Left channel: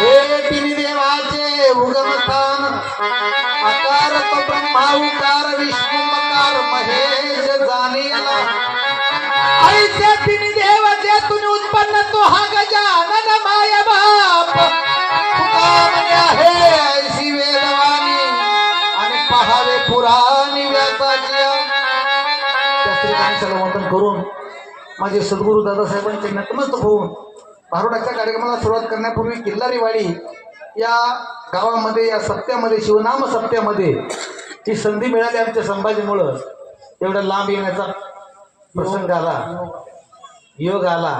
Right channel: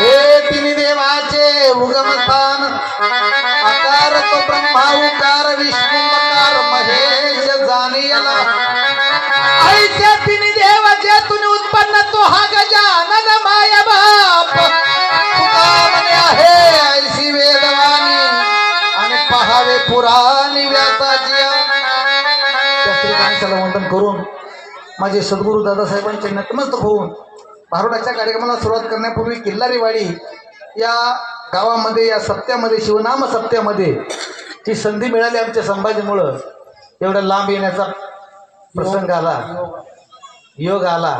हे तिन्ही देवाचे उगमस्थान आकार तो ब्रह्मा उकार विष्णू मकार महेश जाणीला ऐसे तिन्ही देवाचे तुन उत्पन्न तो हा गजानन माय बाप तुकामने आहे ऐसी वेदवाणी आणि पहावे पुराणी व्यासाची त्या श्रीकांताला वंदन करून माझे सद्गुरू दादासाहेबांचे नतमस्तक होऊन भारुडाच्या कार्यक्रमाला सुरुवात करण्यापूर्वी किल्लारीवाडी या गावामध्ये या सप्त्यामध्ये शिवनाम सप्त्यामध्ये जी संधी मिळाली आमच्या संभाजीमुळं एवढा लांब येण्याचा प्रसंग आला योग आला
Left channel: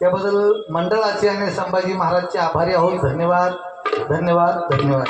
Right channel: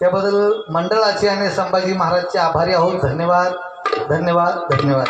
त्याबद्दल मंडळाचे आणि संभाजी महाराजचे आभारी आहोत. धन्यवाद धन्यवाद धन्यवाद.